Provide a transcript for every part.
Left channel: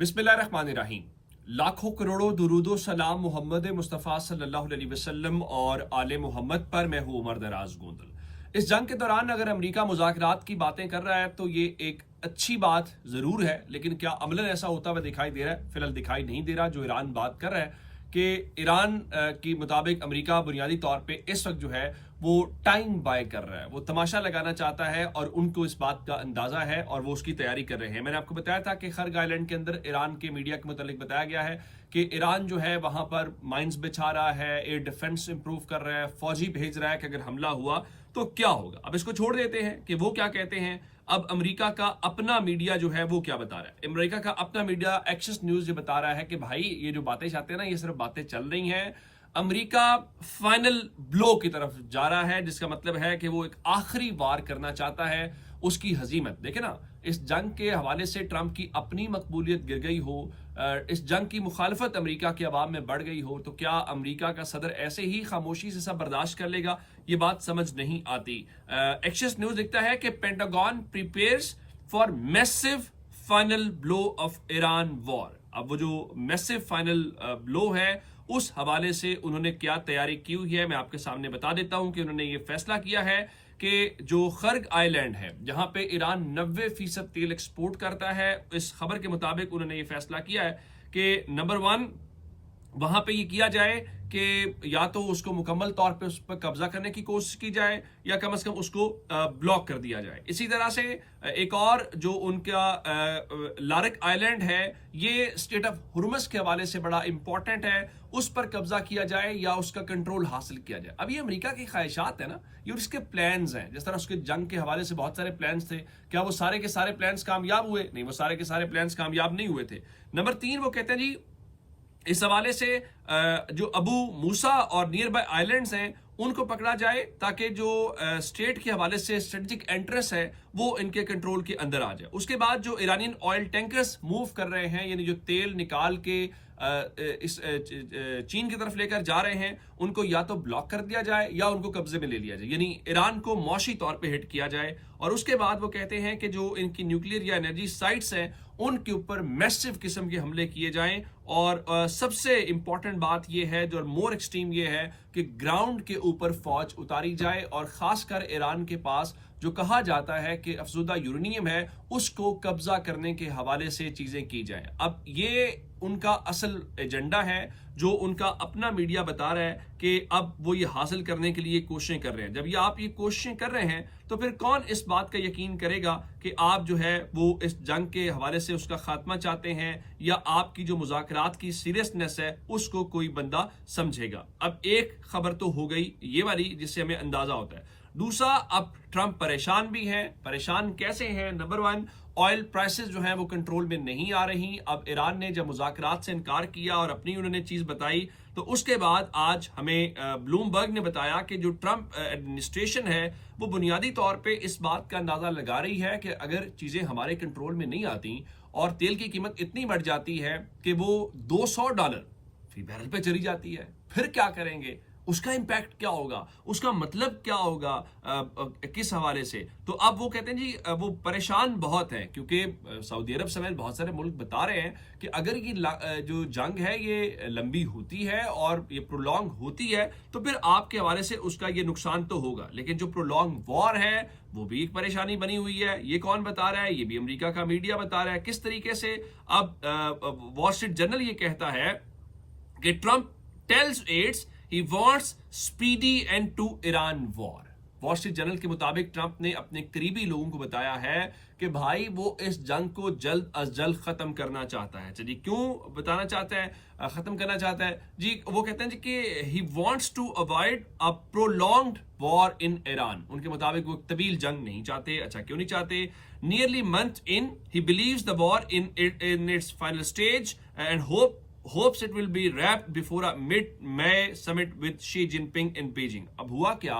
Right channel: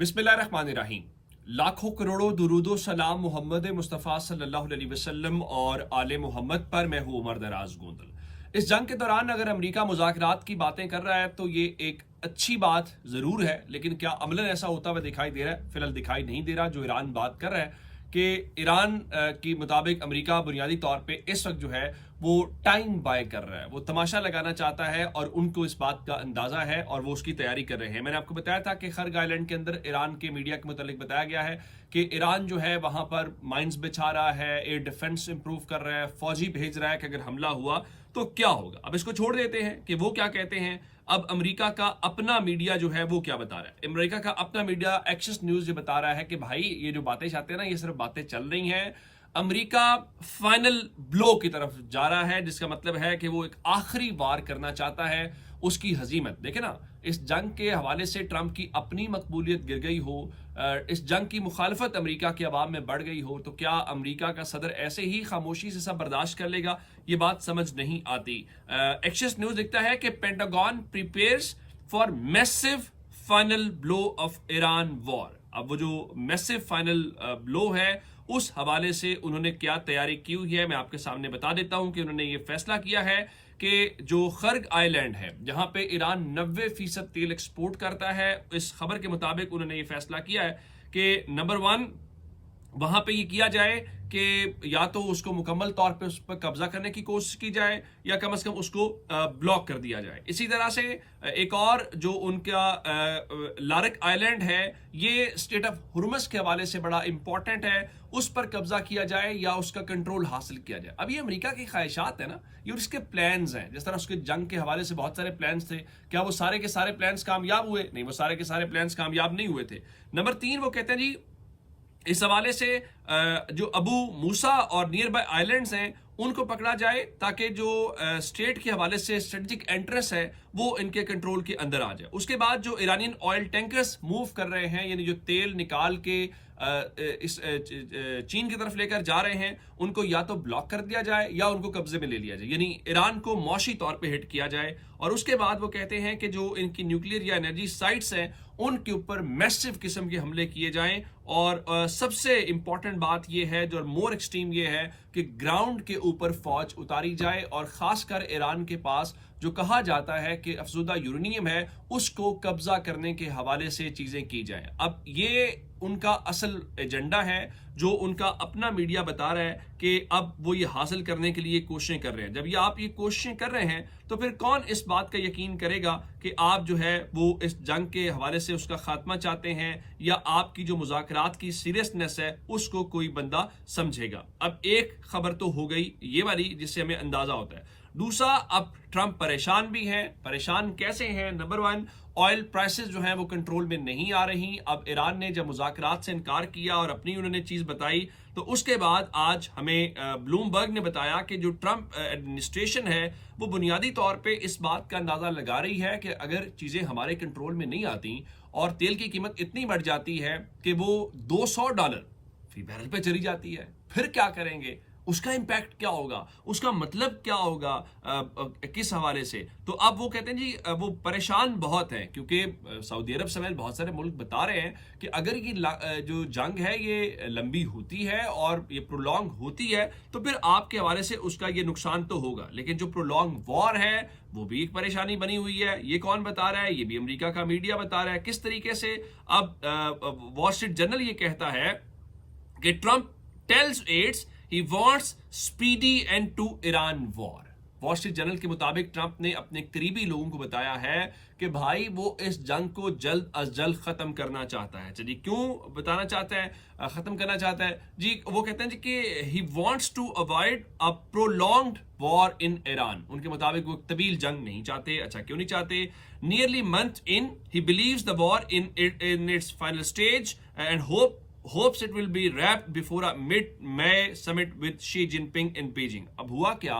बिस्मिल्लाहिर्रहमानिर्रहीम। लाखों करोड़ों दुरूदो सलाम मोहम्मद मुस्तफ़ा सल्लल्लाहु अलैहि वसल्लम और आले मोहम्मद पर। मैं हूँ उमर दराज गोंदल। इस जंग के दौरान अगर अमेरिका मुज़ाकरात की बातें कर रहा है तो ये एक अच्छी बात ज़रूर है, लेकिन क्या अमलन ऐसा होता हुआ दिखाई दे रहा है? फिलहाल दिखाई नहीं दे रहा। जो ईरान बात कर रहा है कि ईरान की मुताबिक अमेरिका बुनियादी तौर पे इस वक्त जो है वो टाइम बाय कर रहा है, वो तमाशा लगाना चाहता है और उनको इस बात का अंदाजा है और वो उसकी तैयारी कर रहे हैं। मैंने आपको बताया था कि खर्ग आइलैंड के अंदर ईरान के मीडिया के मुताबिक बताया गया है कि ईरान जो है वहां पर माइंस बिछा रहा है, एयर डिफेंस इंप्रूव कर रहा है, फौजी भेज रहा है कि अगर हमला हुआ तो क्या होगा। अब इसको छोड़ देते हैं कि वो क्या कहते हैं। अब अमेरिका का अपना मीडिया जो है वो क्या बता रहा है। अमेरिका का अपना मीडिया एक्सेस न्यूज ये बता रहा है कि भाई ये जो बातें चाहते हैं ना, ये सिर्फ बातें चल रही हैं। अमेरिका फाइनल ब्लो की तरफ जा रहा है, जिसका मतलब है कि वो एक आखिरी वार करना चाहता है। उसकी हजीमत देखे ना, इस जंग के हवाले से ट्रंप की अपनी मकबूलियत गिर गई हो, इस जंग की मुखालफत अमेरिका के अवाम में बढ़ गई हो, तो क्या अमेरिका का सदर ऐसे ही खामोशी से सब बर्दाश्त कर लेगा? ये बात समझ नहीं आती। एक्सेस न्यूज लिखता है कि pentagon prepares for massive final blow of Iran war. अब वो जो मैसिव फाइनल ब्लो है उस हवाले से उन्होंने क्या तैयारी की हुई है मैं आपके सामने बता देता हूं कि उन्होंने ये फैसला किया है कि जो खर्ग आइलैंड है जहां पे ईरान 90% तेल एक्सपोर्ट करता है, इस खबर के मुताबिक उन्होंने ये फैसला किया है कि नंबर 1 वहां पे ये किया जाए कि या तो उसको मुकम्मल तौर पे उस पर कब्जा करने की कोशिश की जाए या कम से कम उसको ब्लॉक कर दिया जाए। इसी तरह से एक और जो उनका लारक आइलैंड है, ये स्टेट ऑफ हुर्मस के हवाले से बड़ा इंपॉर्टेंट है, उस पर कब्जा किया जाए या उसका कंट्रोल हासिल किया जाए। अब ये अमेरिका की ख्वाहिशात है ना, ये उसके प्लान्स हैं। जिस तरह उसके जंग के हवाले से बहुत सारे प्लान्स थे, क्या वो सारे के सारे प्लान्स कामयाब हुए? नहीं, वो सारे के सारे प्लान्स कामयाब नहीं हुए थे। नंबर 3 वो कहते हैं जी इस हवाले से जो अबू मूसा और नियर बाय आइलैंड्स हैं उनको पकड़ा जाए ताकि जो स्टेट के हवाले से स्ट्रेटेजिक इंटरेस्ट है वो इनके कंट्रोल के अंदर आ जाए। उसके बाद जो ईरानियन ऑयल टैंकर्स मूव कर रहे हैं, यानी जो तेल निकाल के इस चीन की तरफ लेकर जा रहे हैं, उनको या तो ब्लॉक कर दिया जाए या उनको कब्जे में ले लिया जाए, यानी ईरान को मौशी तौर पे हिट किया जाए। और उसके बाद वो कहते हैं कि जो इनकी न्यूक्लियर या एनर्जी साइट्स हैं उनके ऊपर मैसिव किस्म के हमले किए जाएं। और सबसे इंपॉर्टेंट बात यह है, जो मोर एक्सट्रीम ये है कि ग्राउंड के ऊपर फौज उतारी जाए और खासकर ईरान के पास जो कहा जाता है कि अफजुदा यूरेनियम है उसको कब्जा करने के हवाले से चीजें की जाएं। अब ये उनका असल एजेंडा है जो उनका अपना मीडिया बता रहा है कि अब वो ये हासिल करने के लिए कोशिशें कर रहे हैं। जब ये आप ये कोशिशें कर रहे हैं तो फिर कौन इस बात का यकीन करेगा कि आप जो है वो इस जंग के हवाले से उसका खात्मा चाहते हैं या आपकी जो मुज़ाकरात की सीरियसनेस है उसको कोई बंदा समझेगा। अब एक खबर तो हो गई ये वाली जिससे हमें अंदाजा होता है। दूसरा, अब ट्रंप परेशान भी है। परेशान कैसे हैं? नंबर 1, ऑयल प्राइसेस जो हैं वो कंट्रोल में नहीं आ रही। अब ईरान ने जब मुज़ाकरात से इनकार किया और अपनी उन्होंने चीज बताई, तो उसके बाद आज हमें ब्लूमबर्ग ने बताया कि जो ट्रंप एडमिनिस्ट्रेशन है वो बुनियादी तौर पे इस बात का अंदाजा लगा रही है कि अगर चीजें हमारे कंट्रोल में नहीं आती और तेल की कीमत इतनी बढ़ जाती है कि वो $200 फी बैरल पे चली जाती है, फिर क्या करेंगे? उसका इंपैक्ट क्या होगा? उसका मतलब क्या होगा किस हवाले से? तो अब वो कहते हैं जी वो परेशान बहुत है क्योंकि सऊदी अरब समेत बहुत सारे मुल्क बता रहे हैं कि अगर ये जो जंग है ये लंबी होती है और ये प्रोलॉन्ग होती है तो फिर आपके हवाले से उसका ये नुकसान तो होगा, लेकिन जो प्रोलॉन्ग वॉर है वो भी एक परेशानी बनी हुई है। ये कौन बता रहा है? ये भी अमेरिका का मीडिया बता रहा है। किस तरीके से? अब वॉल स्ट्रीट जर्नल ये कहता है कि Trump tells aides he wants speedy end to Iran war। Wall Street Journal के मुताबिक ट्रंप ने अपने करीबी लोगों को बताया है कि भाई वो इस जंग को जल्द अज जल्द खत्म करना चाहता है। चलिए क्यों बताना चाहता है, खत्म करना चाहता है जी? वो कहते हैं जी कि he wants to avoid a prolonged war in Iran। उनके मुताबिक वो तवील जंग नहीं चाहते। अच्छा, क्यों नहीं चाहते? Nearly month in he believes the war in its final stage and hopes it will be wrapped before a mid-May summit with Xi Jinping in Beijing। अब हुआ क्या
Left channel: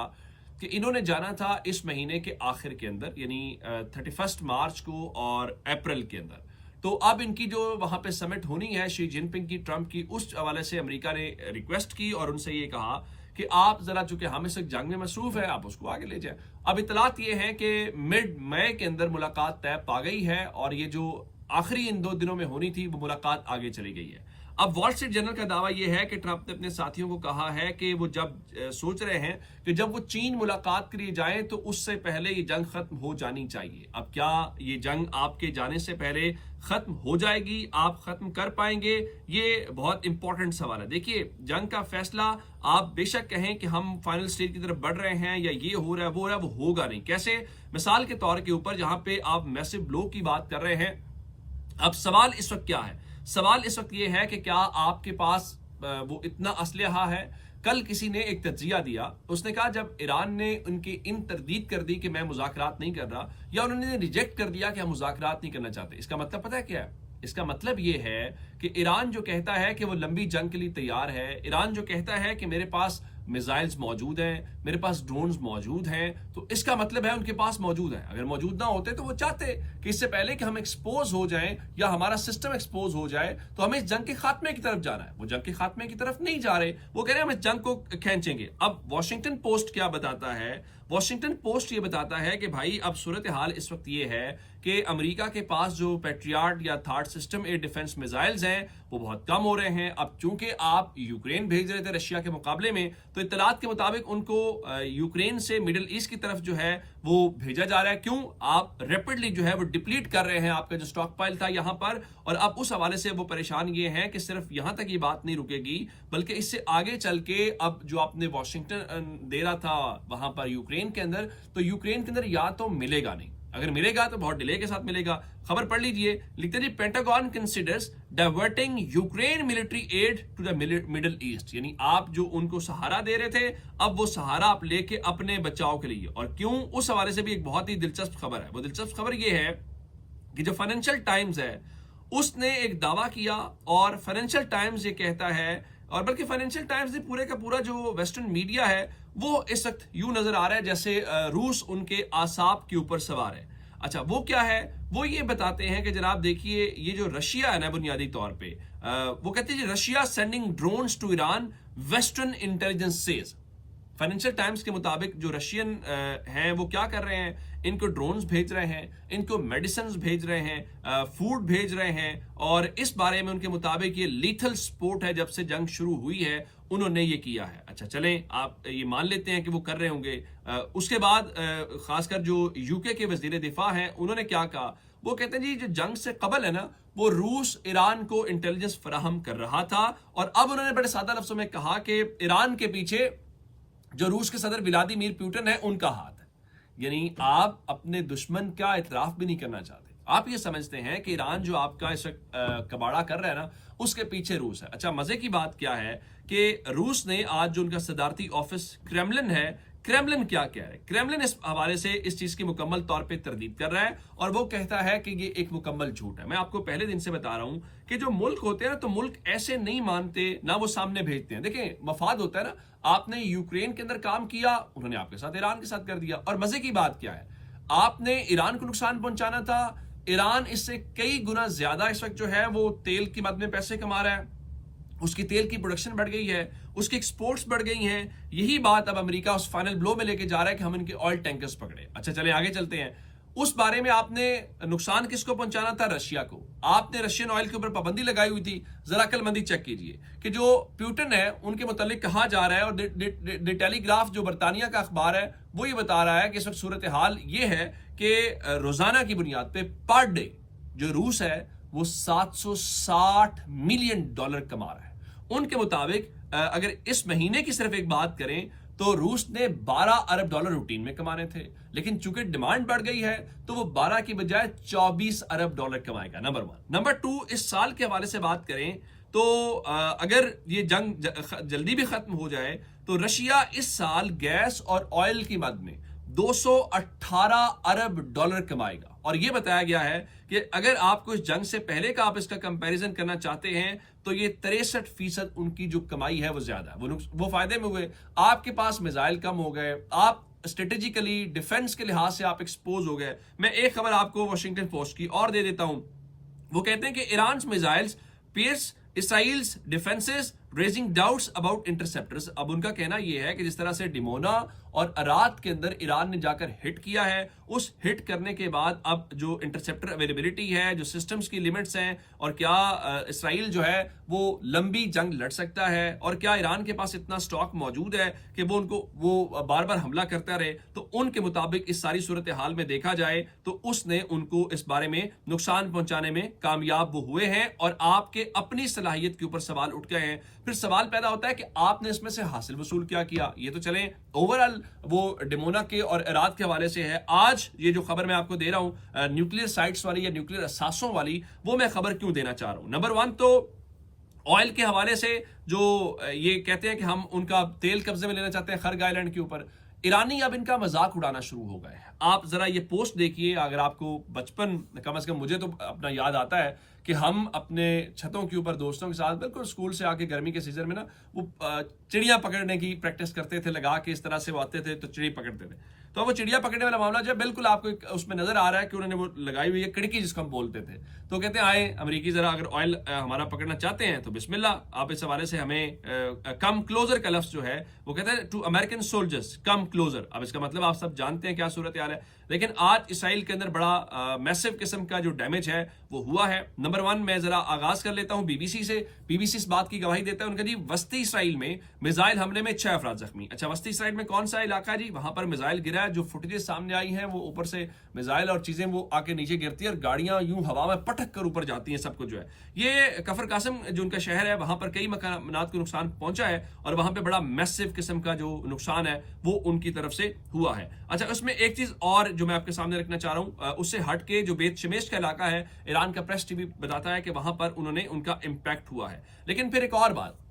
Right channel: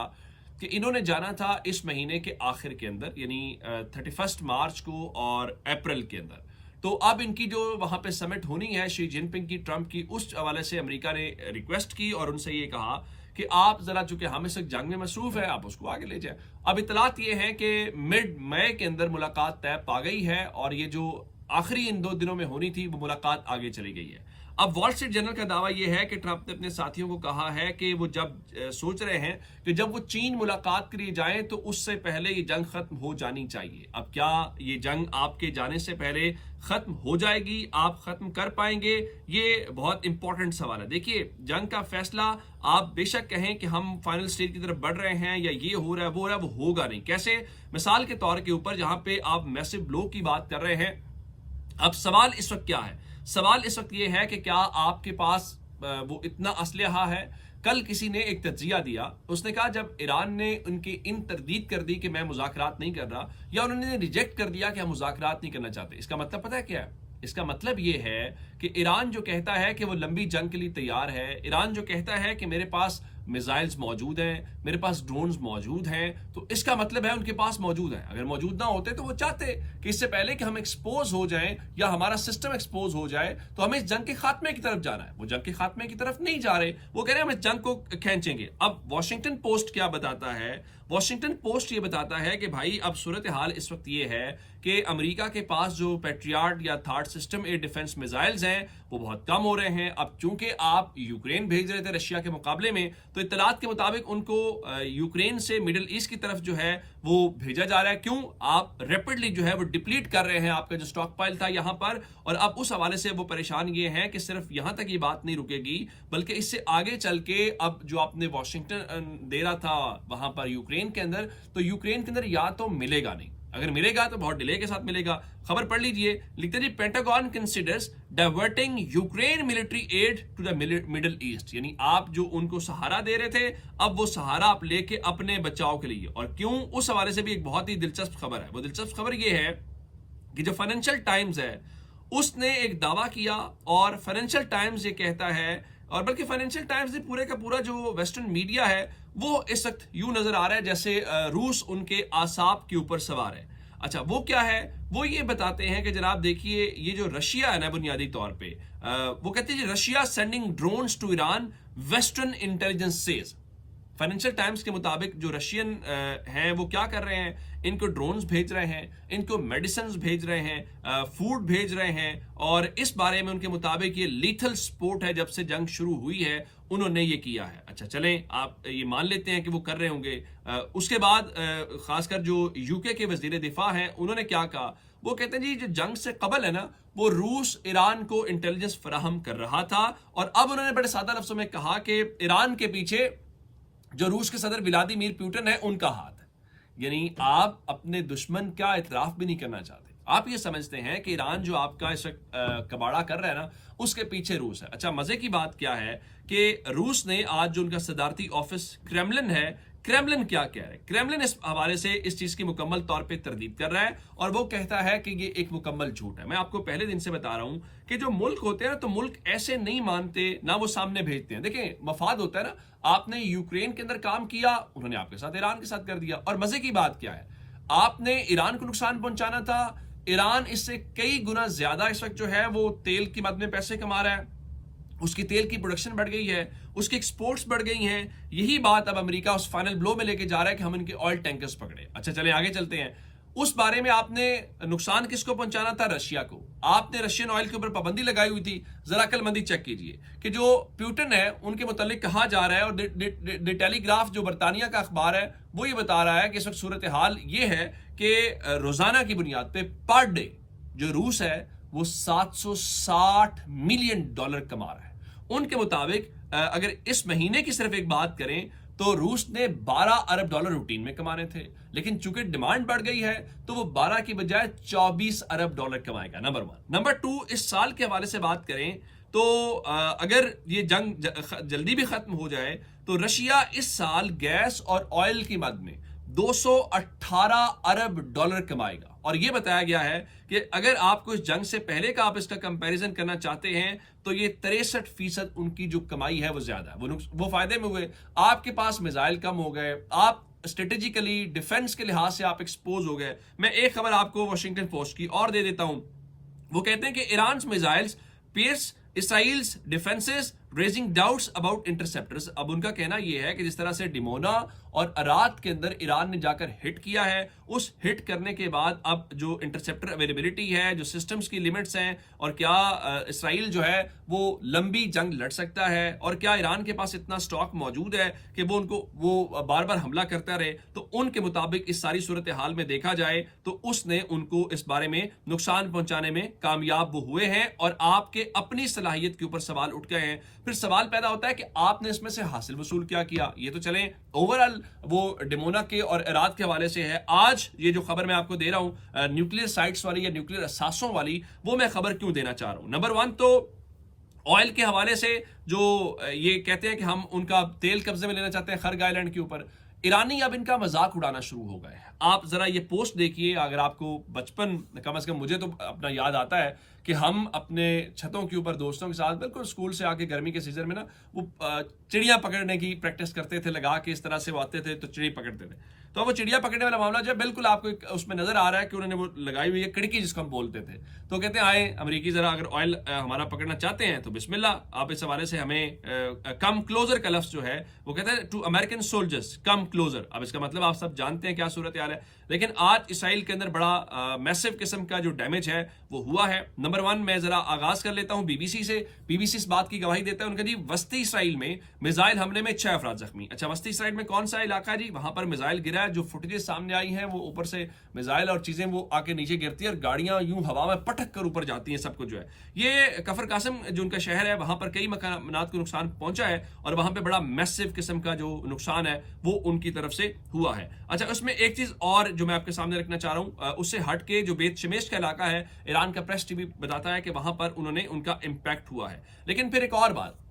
कि इन्होंने जाना था इस महीने के आखिर के अंदर, यानी 31 मार्च को और अप्रैल के अंदर। तो अब इनकी जो वहां पे समिट होनी है शी जिनपिंग की, ट्रंप की, उस हवाले से अमेरिका ने रिक्वेस्ट की और उनसे ये कहा कि आप जरा, चूंकि हम इस जंग में मसरूफ है, आप उसको आगे ले जाए। अब इतलात ये है कि मिड मई के अंदर मुलाकात तय पा गई है और ये जो आखिरी इन 2 दिनों में होनी थी, वो मुलाकात आगे चली गई है। अब वॉल स्ट्रीट जर्नल का दावा यह है कि ट्रंप ने अपने साथियों को कहा है कि वो जब सोच रहे हैं कि जब वो चीन मुलाकात के लिए जाएं तो उससे पहले ये जंग खत्म हो जानी चाहिए। अब क्या ये जंग आपके जाने से पहले खत्म हो जाएगी, आप खत्म कर पाएंगे, ये बहुत इंपॉर्टेंट सवाल है। देखिए, जंग का फैसला आप बेशक कहें कि हम फाइनल स्टेज की तरफ बढ़ रहे हैं या ये हो रहा है वो हो रहा है, वो होगा नहीं। कैसे? मिसाल के तौर के ऊपर जहां पे आप मैसिव ब्लो की बात कर रहे हैं, अब सवाल इस वक्त क्या है? सवाल इस वक्त ये है कि क्या आपके पास वो इतना असलहा है? कल किसी ने एक तज्जिया दिया, उसने कहा जब ईरान ने उनकी इन तरदीद कर दी कि मैं मुज़ाकरात नहीं कर रहा, या उन्होंने रिजेक्ट कर दिया कि हम मुज़ाकरात नहीं करना चाहते, इसका मतलब पता है क्या है? इसका मतलब ये है कि ईरान जो कहता है कि वो लंबी जंग के लिए तैयार है, ईरान जो कहता है कि मेरे पास मिसाइल्स मौजूद हैं, मेरे पास ड्रोन्स मौजूद हैं, तो इसका मतलब है उनके पास मौजूद है। अगर मौजूद ना होते तो वो चाहते कि इससे पहले कि हम एक्सपोज हो जाएं या हमारा सिस्टम एक्सपोज हो जाए तो हमें इस जंग के खात्मे की तरफ जाना है। वो जंग के खात्मे की तरफ नहीं जा रहे, वो कह रहे हैं हम इस जंग को खींचेंगे। अब वॉशिंगटन पोस्ट क्या बताता है? वॉशिंगटन पोस्ट ये बताता है कि भाई अब सूरत हाल इस वक्त ये है कि अमेरिका के पास जो पैट्रियट या third system air defence missiles हैं वो बहुत कम हो रहे हैं। अब चूंकि आप यूक्रेन भेज रहे थे रशिया के मुकाबले में, तो इत्तलात के मुताबिक उनको यूक्रेन से मिडिल ईस्ट की तरफ जो है वो भेजा जा रहा है। क्यों? आप रैपिडली जो है वो डिप्लीट कर रहे हैं आपका जो स्टॉक पाइल था यहां पर, और अब उस हवाले से वो परेशान ये हैं कि सिर्फ यहां तक ये बात नहीं रुकेगी, बल्कि इससे आगे चल के अब जो आपने वॉशिंगटन दे रहा था वहां पर यूक्रेन के अंदर, तो यूक्रेन के अंदर या तो मिलेगा नहीं, अगर मिलेगा तो बहुत डिले के साथ मिलेगा। खबर पढ़ लीजिए, लिखते जी Pentagon considers diverting Ukraine military aid to the Middle East, यानी आप जो उनको सहारा दे रहे थे अब वो सहारा आप लेके अपने बचाव के लिए। और क्यों? उस हवाले से भी एक बहुत ही दिलचस्प खबर है। वो दिलचस्प खबर ये है कि जो फाइनेंशियल टाइम्स है उसने एक दावा किया, और फाइनेंशियल टाइम्स ये कहता है, और बल्कि फाइनेंशियल टाइम्स ने पूरे का पूरा जो वेस्टर्न मीडिया है वो इस वक्त यूं नजर आ रहा है जैसे रूस उनके आसाब के ऊपर सवार है। अच्छा, वो क्या है? वो ये बताते हैं कि जनाब देखिए, ये जो रशिया है ना बुनियादी तौर पे, वो कहते हैं Russia sending drones to Iran, western intelligence says. Financial Times के मुताबिक जो रशियन हैं वो क्या कर रहे हैं, इनको ड्रोन्स भेज रहे हैं, इनको मेडिसिन भेज रहे हैं, फूड भेज रहे हैं, और इस बारे में उनके मुताबिक ये लीथल स्पोर्ट है, जब से जंग शुरू हुई है उन्होंने ये किया है। अच्छा चलें, आप ये मान लेते हैं कि वो कर रहे होंगे। उसके बाद खासकर जो यूके के वजीर दिफा हैं उन्होंने क्या कहा? वो कहते हैं जी जो जंग से कबल है ना, वो रूस ईरान को इंटेलिजेंस फराहम कर रहा था, और अब उन्होंने बड़े सादा लफ्जों में कहा कि ईरान के पीछे जो रूस के सदर व्लादिमीर पुतिन है उनका हाथ है। यानी आप अपने दुश्मन का इतराफ भी नहीं करना चाहते, आप ये समझते हैं कि ईरान जो आपका इस वक्त कबाड़ा कर रहा है ना उसके पीछे रूस है। अच्छा, मजे की बात क्या है कि रूस ने आज जो उनका सदारती ऑफिस क्रेमलिन है, क्रेमलिन क्या कह रहा है? क्रेमलिन इस हवाले से इस चीज की मुकम्मल तौर पे तरदीद कर रहा है, और वो कहता है कि ये एक मुकम्मल झूठ है। मैं आपको पहले दिन से बता रहा हूं कि जो मुल्क होते हैं ना, तो मुल्क ऐसे नहीं मानते ना, वो सामने भेजते हैं। देखिए, मफाद होता है ना, आपने यूक्रेन के अंदर काम किया, उन्होंने आपके साथ ईरान के साथ कर दिया। और मजे की बात क्या है, आपने ईरान को नुकसान पहुंचाना था, ईरान इससे कई गुना ज्यादा इस वक्त जो है वो तेल की मद में पैसे कमा रहा है, उसकी तेल की प्रोडक्शन बढ़ गई है, उसकी एक्सपोर्ट्स बढ़ गई हैं। यही बात अब अमेरिका उस फाइनल ब्लो में लेके जा रहा है कि हम इनके ऑयल टैंकर्स पकड़े। अच्छा चले आगे चलते हैं। उस बारे में आपने नुकसान किसको पहुंचाना था? रशिया को। आपने रशियन ऑयल के ऊपर पाबंदी लगाई हुई थी। जरा अक्लमंदी चेक कीजिए कि जो पुतिन है उनके मुतालिक कहा जा रहा है, और द टेलीग्राफ जो बरतानिया का अखबार है वो ये बता रहा है कि इस वक्त सूरत हाल ये है कि रोजाना की बुनियाद पे पर डे जो रूस है वो $760 मिलियन कमा रहा है। उनके मुताबिक अगर इस महीने की सिर्फ एक बात करें तो रूस ने $12 अरब रूटीन में कमाने थे, लेकिन चूंकि डिमांड बढ़ गई है तो वो 12 की बजाय $24 अरब कमाएगा। नंबर 1। नंबर 2, इस साल के हवाले से बात करें तो अगर ये जंग जल्दी भी खत्म हो जाए तो रशिया इस साल गैस और ऑयल की मद में $218 अरब कमाएगा। और यह बताया गया है कि अगर आपको इस जंग से पहले का आप इसका कंपैरिजन करना चाहते हैं तो ये 63% उनकी जो कमाई है वो ज्यादा है, वो फायदे में हुए। आपके पास मिसाइल कम हो गए, आप स्ट्रेटेजिकली डिफेंस के लिहाज से आप एक्सपोज हो गए। मैं एक खबर आपको वॉशिंगटन पोस्ट की और दे देता हूं। वो कहते हैं कि Iran missiles pierce Israel's defenses raising doubts about interceptors। अब उनका कहना यह है कि जिस तरह से डिमोना اور رات کے اندر ایران نے جا کر ہٹ کیا ہے. اس ہٹ کرنے کے بعد اب جو انٹرسیپٹر اویلیبلٹی ہے, جو سسٹمز کی لیمٹس ہیں, اور کیا اسرائیل جو ہے وہ لمبی جنگ لڑ سکتا ہے, اور کیا ایران کے پاس اتنا سٹاک موجود ہے کہ وہ ان کو وہ بار بار حملہ کرتا رہے, تو ان کے مطابق اس ساری صورتحال میں دیکھا جائے تو اس نے ان کو اس بارے میں نقصان پہنچانے میں کامیاب وہ ہوئے ہیں, اور آپ کے اپنی صلاحیت کے اوپر سوال اٹھ گئے ہیں. پھر سوال پیدا ہوتا ہے کہ آپ نے اس میں سے حاصل وصول کیا کیا. یہ تو چلیں اوورال وہ ڈیمونا کے اور عراق کے حوالے سے ہے. آج یہ جو خبر میں آپ کو دے رہا ہوں نیوکلیر سائٹس والی یا نیوکلیر اثاثوں والی, وہ میں خبر کیوں دینا چاہ رہا ہوں. نمبر 1 تو آئل کے حوالے سے جو یہ کہتے ہیں کہ ہم ان کا تیل قبضے میں لینا چاہتے ہیں خرگ آئلینڈ کے اوپر, ایرانی اب ان کا مذاق اڑانا شروع ہو گئے ہیں. آپ ذرا یہ پوسٹ دیکھیے, اگر آپ کو بچپن کم از کم مجھے تو اپنا یاد آتا ہے کہ ہم اپنے چھتوں کے اوپر دوستوں کے ساتھ بالکل اسکول سے آ کے گرمی کے سیزن میں نا وہ چڑیاں پکڑنے کی پریکٹس کرتے تھے, لگا کے اس طرح سے وہ آتے تھے تو چڑی پکڑتے تھے. تو وہ چڑیا پکڑنے والا معاملہ جو ہے بالکل آپ کو اس میں نظر آ رہا ہے کہ انہوں نے وہ لگائی ہوئی ہے کڑکی جس کو ہم بولتے تھے. تو کہتے ہیں آئے امریکی ذرا اگر آئل ہمارا پکڑنا چاہتے ہیں تو بسم اللہ. آپ اس حوالے سے ہمیں کم کلوزر کا لفظ جو ہے وہ کہتے ہیں two American soldiers come closer. اب اس کا مطلب آپ سب جانتے ہیں کیا صورتحال ہے, لیکن آج اسرائیل کے اندر بڑا میسو قسم کا جو ڈیمیج ہے وہ ہوا ہے. نمبر 1 میں ذرا آغاز کر لیتا ہوں بی بی سی سے. بی بی سی اس بات کی گواہی دیتا ہے, ان کا جی وسطی اسرائیل میں میزائل حملے میں 6 افراد زخمی. اچھا وسطی اسرائیل میں کون سا علاقہ جی, وہاں پر میزائل گرا ہے. جو فوٹیجز سامنے آئی ہیں وہ اوپر سے میزائل اور چیزیں وہ آ کے نیچے گرتی ہیں اور گاڑیاں یوں ہوا میں پٹک کر اوپر جاتی ہیں, سب کچھ جو ہے. یہ کفر قاسم جو ان کا شہر ہے وہاں پر کئی مکانات کو نقصان پہنچا ہے, اور وہاں پہ بڑا میسو قسم کا جو نقصان ہے وہ ان کی طرف سے ہوا ہے. اچھا اس میں ایک چیز اور جو میں آپ کے سامنے رکھنا چاہ رہا ہوں, اس سے ہٹ کے جو بیت شمیش کا علاقہ ہے, ایران کا پریس ٹی وی بتاتا ہے کہ وہاں پر انہوں نے ان کا امپیکٹ ہوا ہے. لیکن پھر ایک اور بات,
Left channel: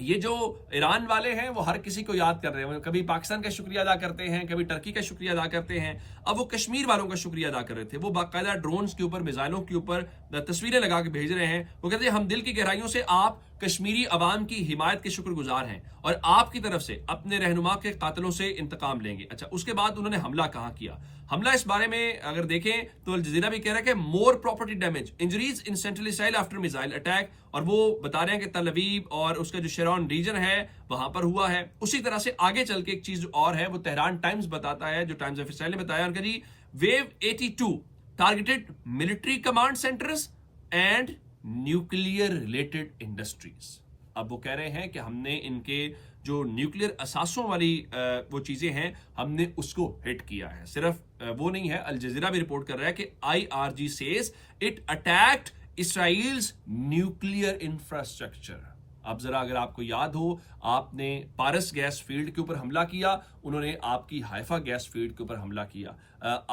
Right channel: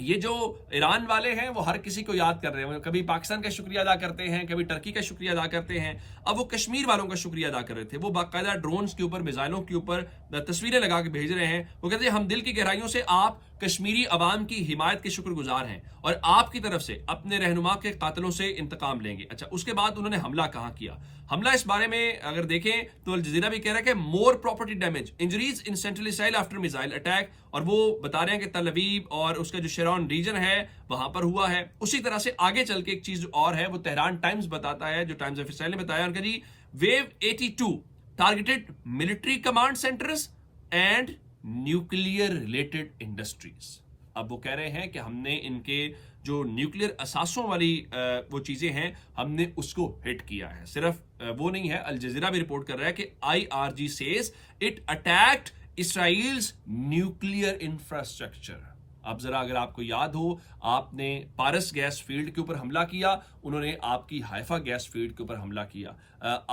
یہ جو ایران والے ہیں وہ ہر کسی کو یاد کر رہے ہیں, کبھی پاکستان کا شکریہ ادا کرتے ہیں, کبھی ٹرکی کا شکریہ ادا کرتے ہیں. اب وہ کشمیر والوں کا شکریہ ادا کر رہے تھے, وہ باقاعدہ ڈرونز کے اوپر میزائلوں کے اوپر تصویریں لگا کے بھیج رہے ہیں. وہ کہتے ہیں ہم دل کی گہرائیوں سے آپ کشمیری عوام کی حمایت کے شکر گزار ہیں اور آپ کی طرف سے اپنے رہنما کے قاتلوں سے انتقام لیں گے. اچھا اس کے بعد انہوں نے حملہ کہاں کیا؟ حملہ اس بارے میں اگر دیکھیں تو الجزیرہ بھی کہہ رہا ہے کہ more property damage injuries in central Israel after missile attack, اور وہ بتا رہے ہیں کہ تل ابیب اور اس کا جو شیرون ریجن ہے وہاں پر ہوا ہے. اسی طرح سے آگے چل کے ایک چیز اور ہے, وہ تہران ٹائمز بتاتا ہے, جو ٹائمز آف اسرائیل نے بتایا ان کا جی ویو 82 targeted military command centres and nuclear related industries. اب وہ کہہ رہے ہیں کہ ہم نے ان کے جو نیوکلیئر اثاثوں والی وہ چیزیں ہیں ہم نے اس کو ہٹ کیا ہے. صرف وہ نہیں ہے, الجزیرہ بھی رپورٹ کر رہا ہے کہ IRG says it attacked Israel's nuclear infrastructure. اب ذرا اگر آپ کو یاد ہو, آپ نے پارس گیس فیلڈ کے اوپر حملہ کیا, انہوں نے آپ کی حائفہ گیس فیلڈ کے اوپر حملہ کیا,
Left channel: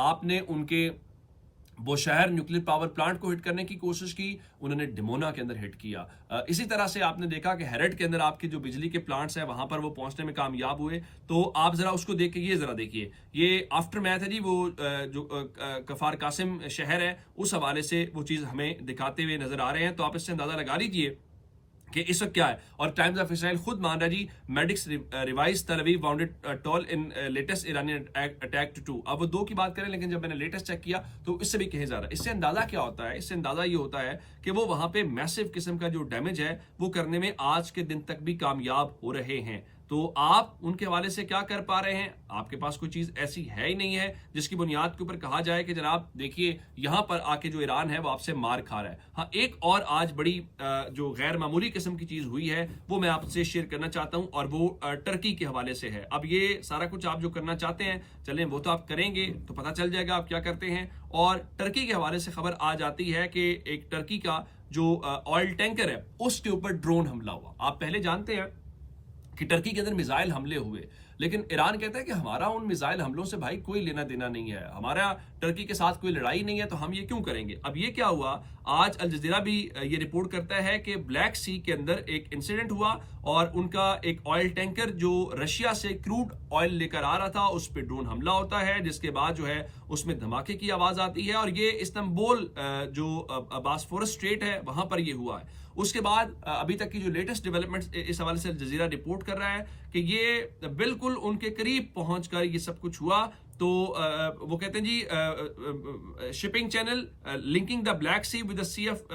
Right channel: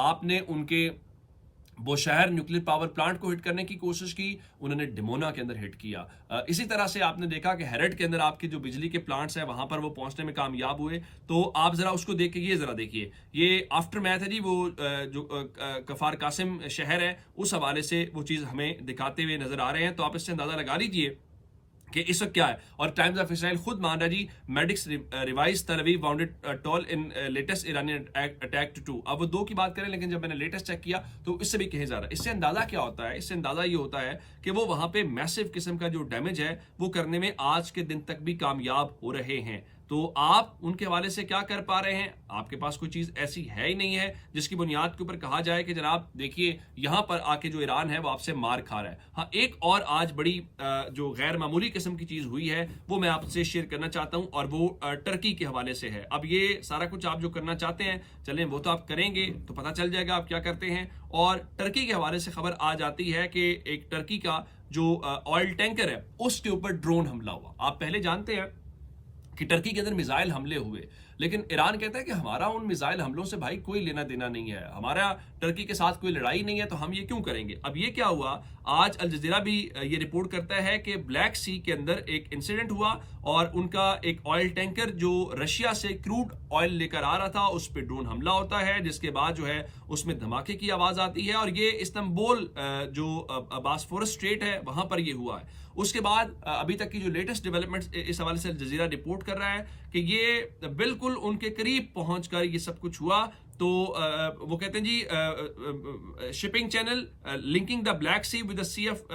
آپ نے ان کے وہ شہر نیوکلیر پاور پلانٹ کو ہٹ کرنے کی کوشش کی, انہوں نے ڈیمونا کے اندر ہٹ کیا. اسی طرح سے آپ نے دیکھا کہ ہیرٹ کے اندر آپ کے جو بجلی کے پلانٹس ہیں وہاں پر وہ پہنچنے میں کامیاب ہوئے. تو آپ ذرا اس کو دیکھیں, یہ ذرا دیکھیے, یہ آفٹر میتھ ہے جی, وہ جو کفار قاسم شہر ہے اس حوالے سے وہ چیز ہمیں دکھاتے ہوئے نظر آ رہے ہیں. تو آپ اس سے اندازہ لگا لیجئے کہ اس وقت کیا ہے. اور ٹائمز آف اسرائیل خود مان رہا جی medics revise Tel Aviv wounded toll in latest Iranian attack to 2. اب وہ 2 کی بات کریں, لیکن جب میں نے لیٹسٹ چیک کیا تو اس سے بھی کہیں زیادہ. اس سے اندازہ کیا ہوتا ہے, اس سے اندازہ یہ ہوتا ہے کہ وہ وہاں پہ میسو قسم کا جو ڈیمیج ہے وہ کرنے میں آج کے دن تک بھی کامیاب ہو رہے ہیں. تو آپ ان کے حوالے سے کیا کر پا رہے ہیں؟ آپ کے پاس کوئی چیز ایسی ہے ہی نہیں ہے جس کی بنیاد کے اوپر کہا جائے کہ جناب دیکھیے یہاں پر آ کے جو ایران ہے وہ آپ سے مار کھا رہا ہے. ہاں ایک اور آج بڑی جو غیر معمولی قسم کی چیز ہوئی ہے وہ میں آپ سے شیئر کرنا چاہتا ہوں, اور وہ ٹرکی کے حوالے سے ہے. اب یہ سارا کچھ آپ جو کرنا چاہتے ہیں چلیں وہ تو آپ کریں گے تو پتہ چل جائے گا آپ کیا کرتے ہیں. اور ٹرکی کے حوالے سے خبر آ جاتی ہے کہ ایک ٹرکی کا جو آئل ٹینکر ہے اس کے اوپر ڈرون حملہ ہوا. آپ پہلے جانتے ہیں کہ ٹرکی کے اندر میزائل حملے ہوئے, لیکن ایران کہتا ہے کہ ہمارا ان میزائل حملوں سے بھائی کوئی لینا دینا نہیں ہے, ہمارا ٹرکی کے ساتھ کوئی لڑائی نہیں ہے, تو ہم یہ کیوں کریں گے. اب یہ کیا ہوا, آج الجزیرہ بھی یہ رپورٹ کرتا ہے کہ بلیک سی کے اندر ایک انسیڈنٹ ہوا اور ان کا ایک آئل ٹینکر جو رشیا سے کروڈ آئل لے کر آ رہا تھا اس پہ ڈرون حملہ ہوتا ہے, جس کے بعد جو ہے اس میں دھماکے کی آواز آتی ہے. اور یہ استنبول جو باسفورس اسٹریٹ ہے وہاں پر یہ ہوا ہے. اس کے بعد ابھی تک کی جو لیٹسٹ ڈیولپمنٹ اس حوالے سے الجزیرہ رپورٹ کر رہا ہے کہ یہ بالکل ان کے قریب پہنچ کر یہ سب کچھ ہوا. تو وہ کہتے ہیں جی shipping channel linking the Black Sea with the Sea of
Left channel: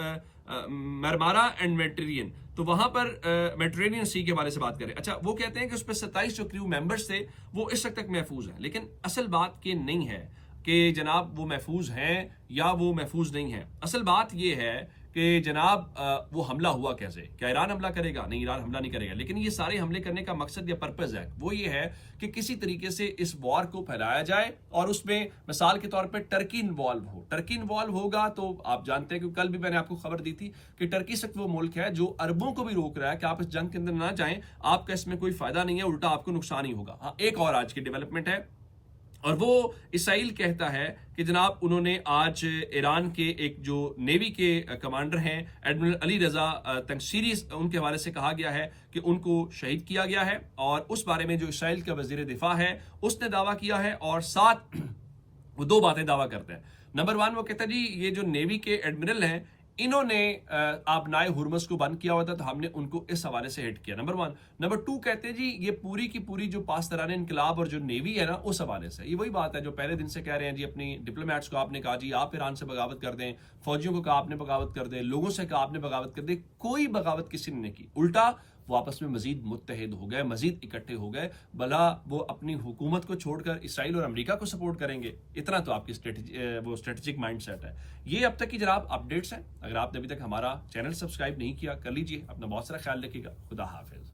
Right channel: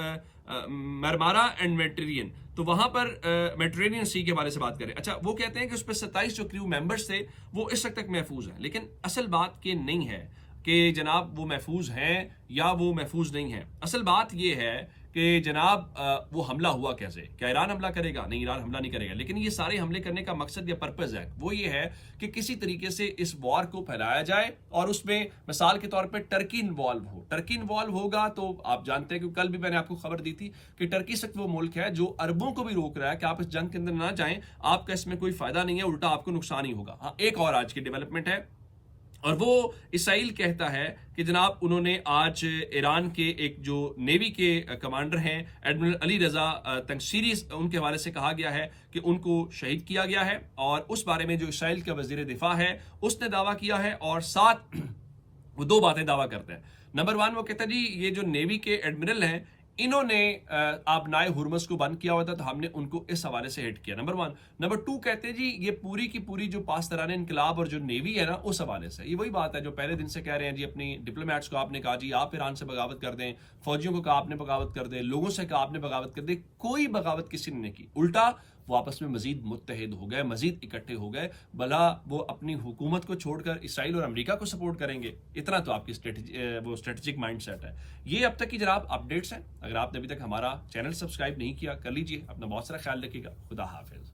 Marmara and Mediterranean. تو وہاں پر میڈیٹرینین سی کے بارے سے بات کریں. اچھا وہ کہتے ہیں کہ اس پہ 27 جو کریو ممبرس تھے وہ اس وقت تک محفوظ ہیں, لیکن اصل بات یہ نہیں ہے کہ جناب وہ محفوظ ہیں یا وہ محفوظ نہیں ہیں. اصل بات یہ ہے کہ جناب وہ حملہ ہوا کیسے, کیا ایران حملہ کرے گا؟ نہیں, ایران حملہ نہیں کرے گا, لیکن یہ سارے حملے کرنے کا مقصد یا پرپز ہے وہ یہ ہے کہ کسی طریقے سے اس وار کو پھیلایا جائے اور اس میں مثال کے طور پہ ٹرکی انوالو ہو. ٹرکی انوالو ہوگا تو آپ جانتے ہیں کہ کل بھی میں نے آپ کو خبر دی تھی کہ ٹرکی صرف وہ ملک ہے جو عربوں کو بھی روک رہا ہے کہ آپ اس جنگ کے اندر نہ جائیں, آپ کا اس میں کوئی فائدہ نہیں ہے, الٹا آپ کو نقصان ہی ہوگا. ہاں ایک اور آج کی ڈیولپمنٹ ہے اور وہ اسرائیل کہتا ہے کہ جناب انہوں نے آج ایران کے ایک جو نیوی کے کمانڈر ہیں ایڈمرل علی رضا تنگسیری, ان کے حوالے سے کہا گیا ہے کہ ان کو شہید کیا گیا ہے. اور اس بارے میں جو اسرائیل کا وزیر دفاع ہے اس نے دعویٰ کیا ہے اور ساتھ وہ دو باتیں دعویٰ کرتے ہیں. نمبر 1 وہ کہتا ہے جی یہ جو نیوی کے ایڈمرل ہیں انہوں نے آبنائے ہرمز کو بند کیا ہوا تھا تو ہم نے ان کو اس حوالے سے ہٹ کیا. نمبر 1. نمبر 2 کہتے ہیں جی یہ پوری کی پوری جو پاسداران انقلاب اور جو نیوی ہے نا اس حوالے سے, یہ وہی بات ہے جو پہلے دن سے کہہ رہے ہیں جی اپنی ڈپلومیٹس کو آپ نے کہا جی آپ ایران سے بغاوت کر دیں, فوجیوں کو کہا آپ نے بغاوت کر دیں, لوگوں سے کہا آپ نے بغاوت کر دیں, کوئی بغاوت کسی نے نہیں کی, الٹا وہ آپس میں مزید متحد ہو گئے, مزید اکٹھے ہو گئے, بھلا وہ اپنی حکومت کو چھوڑ کر اسرائیل اور امریکہ کو سپورٹ کریں گے. اتنا تو آپ کی اسٹریٹجک مائنڈ سیٹ ہے. یہ اب تک کی جناب اپڈیٹس ہیں. اگر آپ نے ابھی تک ہمارا چینل سبسکرائب نہیں کیا کر لیجئے. اپنا بہت سارا خیال رکھیے گا. خدا حافظ.